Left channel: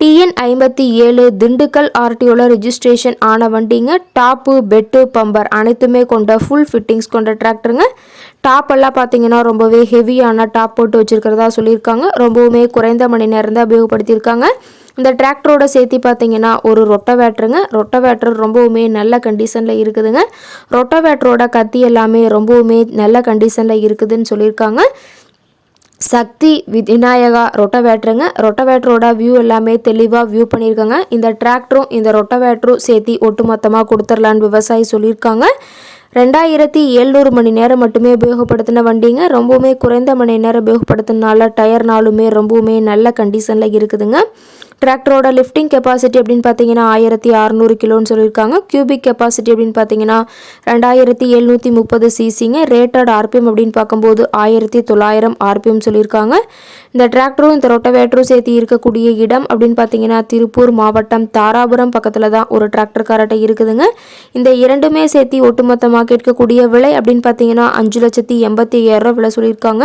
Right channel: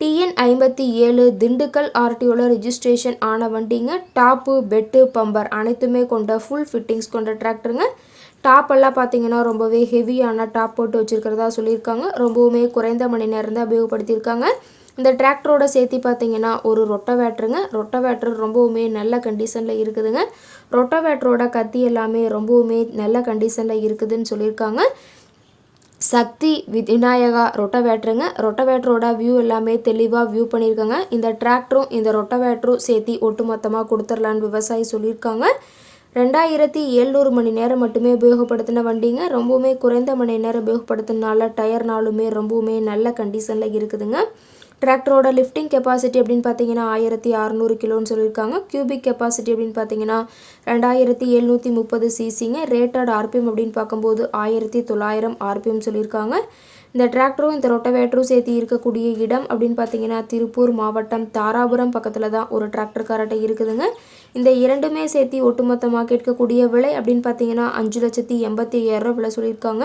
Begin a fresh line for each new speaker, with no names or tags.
TN ஐம்பத்தி ஏழு Dindigul ஆர்டிஓவில் registration ஆன வண்டிங்க டாப்பு பெட்டு பம்பர் அனைத்துமே கொண்ட ஃபுல் ஃபிட்டிங்ஸ் கொண்ட டிராக்டருங்க டாப் எல்லாம் பார்த்தீங்கன்னா ரொம்பவே ஹெவியான டாப் போட்டு வச்சுருக்கிறதா சொல்லியிருக்காங்க. ரொம்பவுமே குறைந்த மணி நேரம் தான் உபயோகப்படுத்தியிருக்காங்க. இந்த டிராக்டரோட சேர்த்து பார்த்தீங்கன்னா ஒரு ரொட்டவேட்டருங்க ரொட்டவேட்டர் ரொம்பவுமே நல்ல கண்டிஷனில் இருக்குதுங்க. ரொட்டவேட்டரோட கத்தி எல்லாமே ரொம்பவுமே நல்ல கண்டிஷனில் இருக்குதுன்னு சொல்லியிருக்காங்க. சக்தி விநாயகா ரொட்டவேட்டருங்க. ரொட்டவேட்டரோட வியூ எல்லாமே தெளிவாக வியூ பண்ணியிருக்காங்க இந்த டிராக்டரும் இந்த ரொட்டவேட்டரும் சேர்த்து ஒட்டுமொத்தமாக கொடுத்துர்லான்னு விவசாயி சொல்லியிருக்காங்க. ரெண்டாயிரத்தி எழுநூறு மணி நேரம் மட்டுமே உபயோகப்படுத்தின வண்டிங்க. ரொம்பவுமே குறைந்த மணி நேரம் உபயோகப்படுத்தினால டயர்னாலுமே ரொம்பவுமே நல்ல கண்டிஷனில் இருக்குதுங்க. டிராக்டரோட லிஃப்டிங் கெப்பாசிட்டி அப்படின்னு பார்த்தீங்கன்னா ஆயிரத்தி அறநூறு கிலோன்னு சொல்லியிருக்காங்க. கியூபிக் கெப்பாசிட்டி அப்படின்னு பார்த்தீங்கன்னா ரெண்டாயிரத்தி எழுநூற்றி முப்பது சிசிங்க ரேட்டட் ஆர்பிஎம் அப்படின்னு பார்க்கும்போது ஆயிரத்தி தொள்ளாயிரம் ஆர்பிஎம் சொல்லியிருக்காங்க. இந்த டிராக்டரும் இந்த ரொட்டவேட்டரும் சேர்த்து இருக்கக்கூடிய இடம் அப்படின்னு பார்த்தீங்கன்னா திருப்பூர் மாவட்டம் தாராபுரம் பக்கத்தில் தான் ஒரு டிராக்டர் காரட்டை இருக்குதுங்க. இந்த இரண்டுமே சேர்த்து ஒட்டுமொத்தமாக கேட்கக்கூடிய விலை அப்படின்னு பார்த்தீங்கன்னா அஞ்சு லட்சத்தி எண்பத்தி ஐயாயிரம் விலை சொல்லியிருக்காங்க.